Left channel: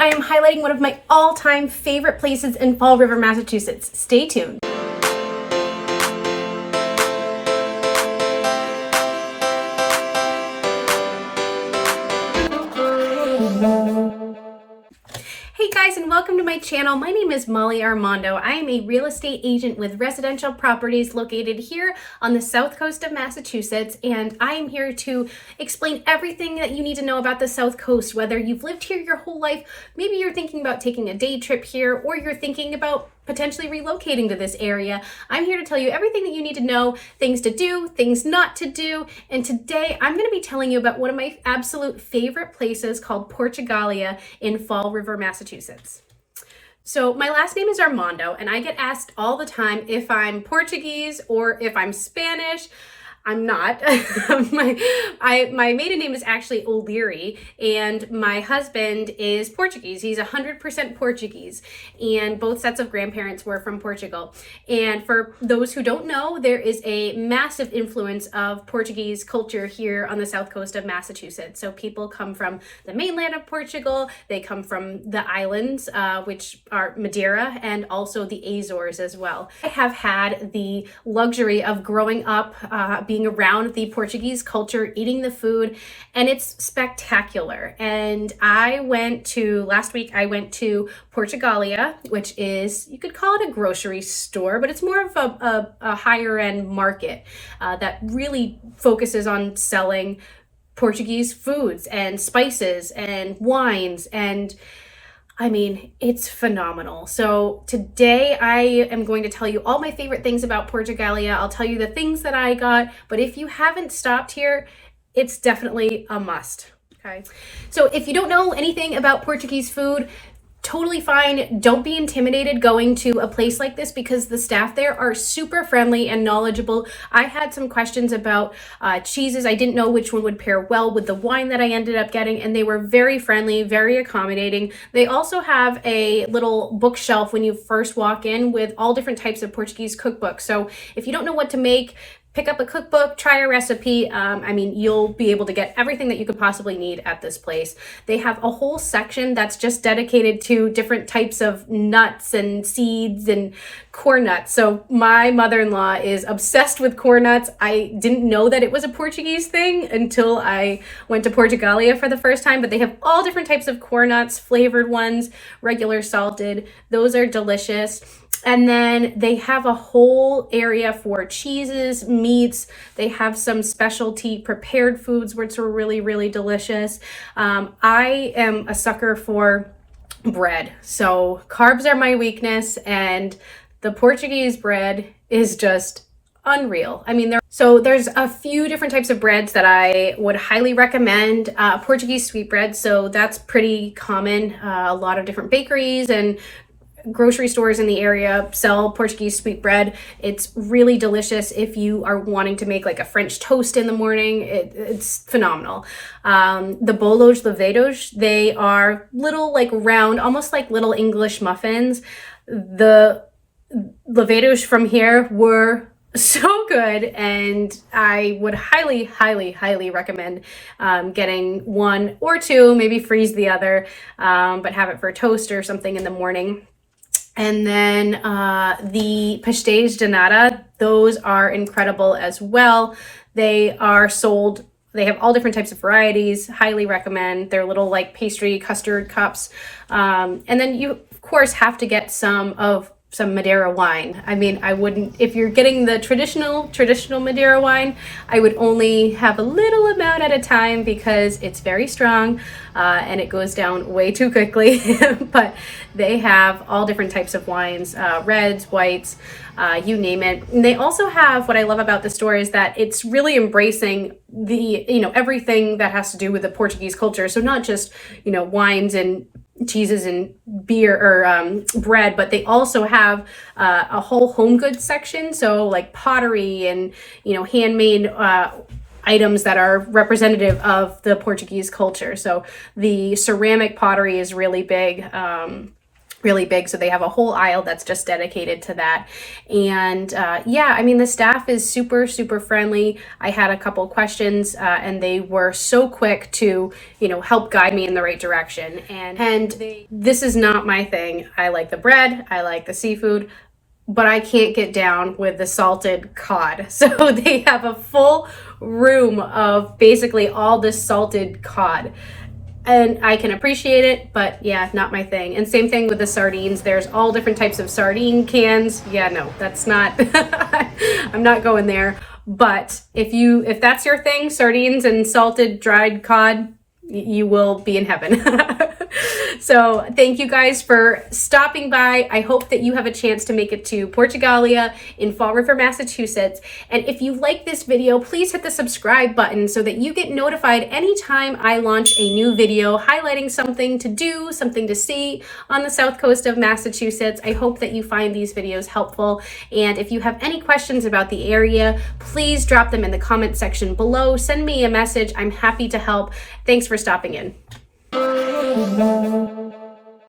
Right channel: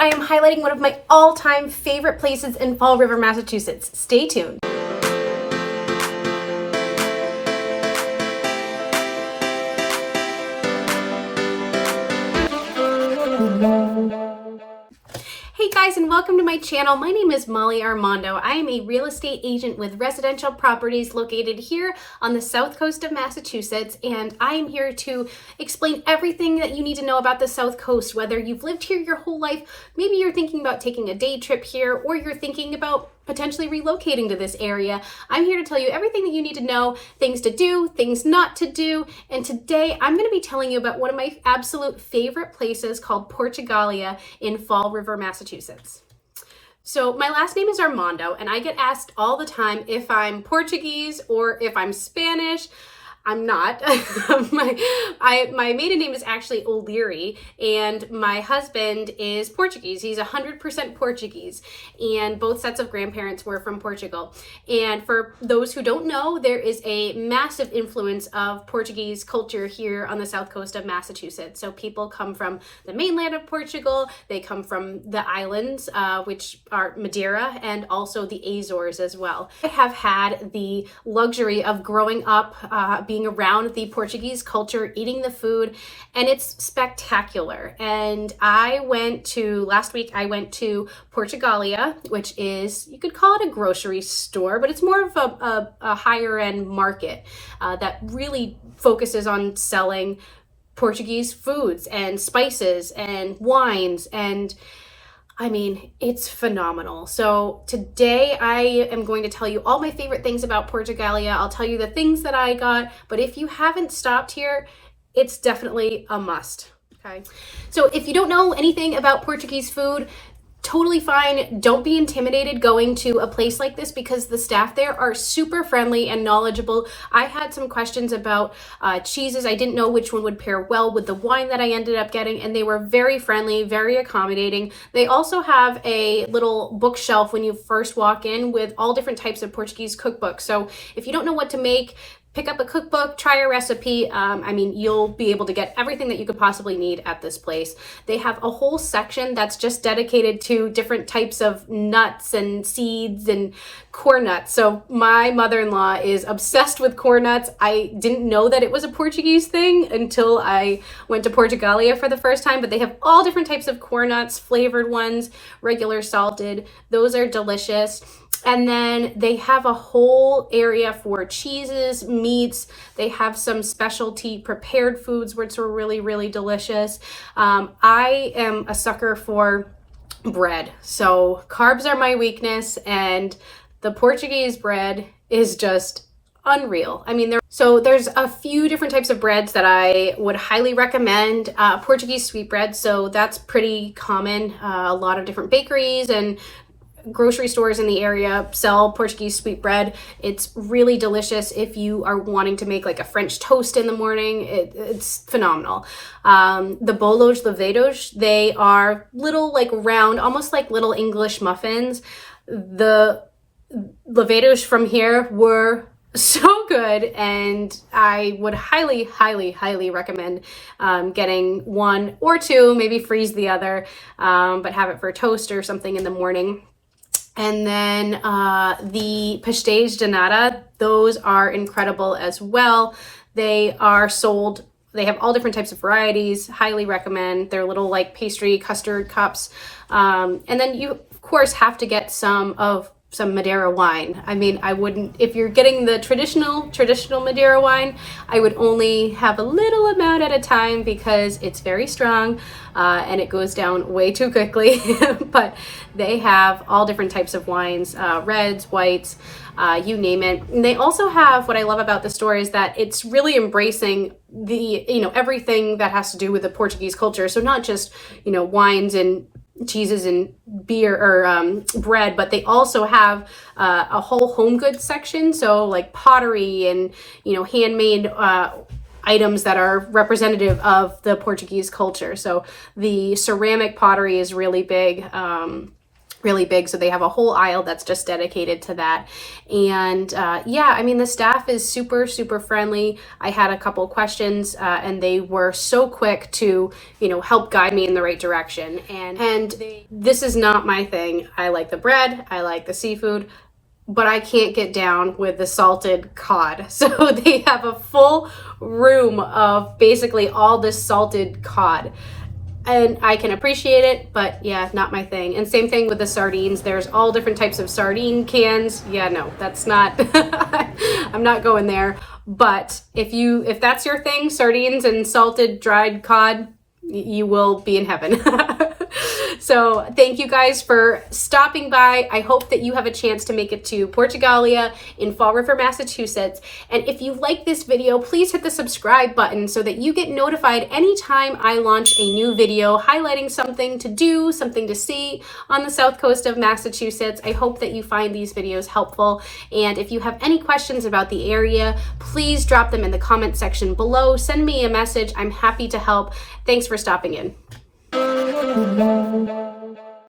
I am highlighting one of my all-time favorite places in Fall River, Massachusetts. Stay tuned. Hey guys, and welcome to my channel. My name is Molly Armando. I am a real estate agent with residential properties located here on the south coast of Massachusetts, and I am here to explain everything that you need to know about the South Coast, whether you've lived here your whole life, maybe you're thinking about taking a day trip here, or you're thinking about potentially relocating to this area. I'm here to tell you everything that you need to know, things to do, things not to do. And today I'm going to be telling you about one of my absolute favorite places called Portugalia in Fall River, Massachusetts. So my last name is Armando, and I get asked all the time if I'm Portuguese or if I'm Spanish. I'm not. my maiden name is actually O'Leary, and my husband is Portuguese. He's 100% Portuguese, and both sets of grandparents were from Portugal. And for those who don't know, there is a massive influence of Portuguese culture here on the south coast of Massachusetts. So people come from the mainland of Portugal, they come from the islands, which are Madeira, and also the Azores as well. I have had the luxury of growing up being around the Portuguese culture, eating the food, and it's spectacular. And last week I went to Portugalia, which is, you could call it a grocery store, but it's more of a higher end market that really focuses on selling Portuguese foods and spices and wines, and I mean, it's phenomenal. So today I am going to tell you all my favorite things about Portugalia. I'll tell you the things that I got, but if you haven't stopped here, it's definitely a must. Okay. So if you don't know anything about Portuguese food, totally fine. Don't be intimidated going to a place like this because the staff there are super friendly and knowledgeable. I had some questions about cheeses. I didn't know which one would pair well with the wine that I ended up getting, and they were very friendly, very accommodating. They also have a little bookshelf when you first walk in with all different types of Portuguese cookbooks. So if you don't know what to make, pick up a cookbook, try a recipe. I mean, you'll be able to get everything that you could possibly need at this place. They have a whole section that's just dedicated to different types of nuts and seeds and corn nuts. So my mother-in-law is obsessed with corn nuts. I didn't know that it was a Portuguese thing until I went to Portugalia for the first time, but they have all different types of corn nuts, flavored ones, regular salted. Those are delicious. And then they have a whole area for cheeses, meats. They have some specialty prepared foods, which are really, really delicious. I am a sucker for bread. So carbs are my weakness, and the Portuguese bread is just unreal. I mean, there's a few different types of breads that I would highly recommend. Portuguese sweetbread, so that's pretty common. A lot of different bakeries and grocery stores in the area sell Portuguese sweetbread. It's really delicious if you are wanting to make like a French toast in the morning. It's phenomenal. The bolos levados, they are little like round, almost like little English muffins. The levados from here were so good, and I would highly, highly, highly recommend getting one or two, maybe freeze the other, but have it for toast or something in the morning. And then the pastéis de nata, those are incredible as well. They are sold, they have all different types of varieties, highly recommend. They're little like pastry custard cups. And then you, of course, have to get some Madeira wine. I mean, I wouldn't, if you're getting the traditional Madeira wine, I would only have a little amount at a time because it's very strong and it goes down way too quickly. But they have all different types of wines, reds, whites, you name it. And they also have, what I love about the store is that it's really embracing everything that has to do with the Portuguese culture. So not just, wines and cheeses and beer or bread, but they also have a whole home goods section. So like pottery and, handmade items that are representative of the Portuguese culture. So the ceramic pottery is really big. really big, so they have a whole aisle that's just dedicated to that. And yeah, I mean, the staff is super friendly. I had a couple questions and they were so quick to, you know, help guide me in the right direction. And this is not my thing. I like the bread, I like the seafood, but I can't get down with the salted cod. So they have a full room of basically all this salted cod. And I can appreciate it, but yeah, not my thing. And same thing with the sardines. There's all different types of sardine cans. Yeah, no, that's not, I'm not going there. But if that's your thing, sardines and salted dried cod, you will be in heaven. So thank you guys for stopping by. I hope that you have a chance to make it to Portugalia in Fall River, Massachusetts. And if you like this video, please hit the subscribe button so that you get notified anytime I launch a new video highlighting something to do, something to see on the south coast of Massachusetts. I hope that you find these videos helpful. And if you have any questions about the area, please drop them in the comment section below. Send me a message. I'm happy to help. Thanks for stopping in.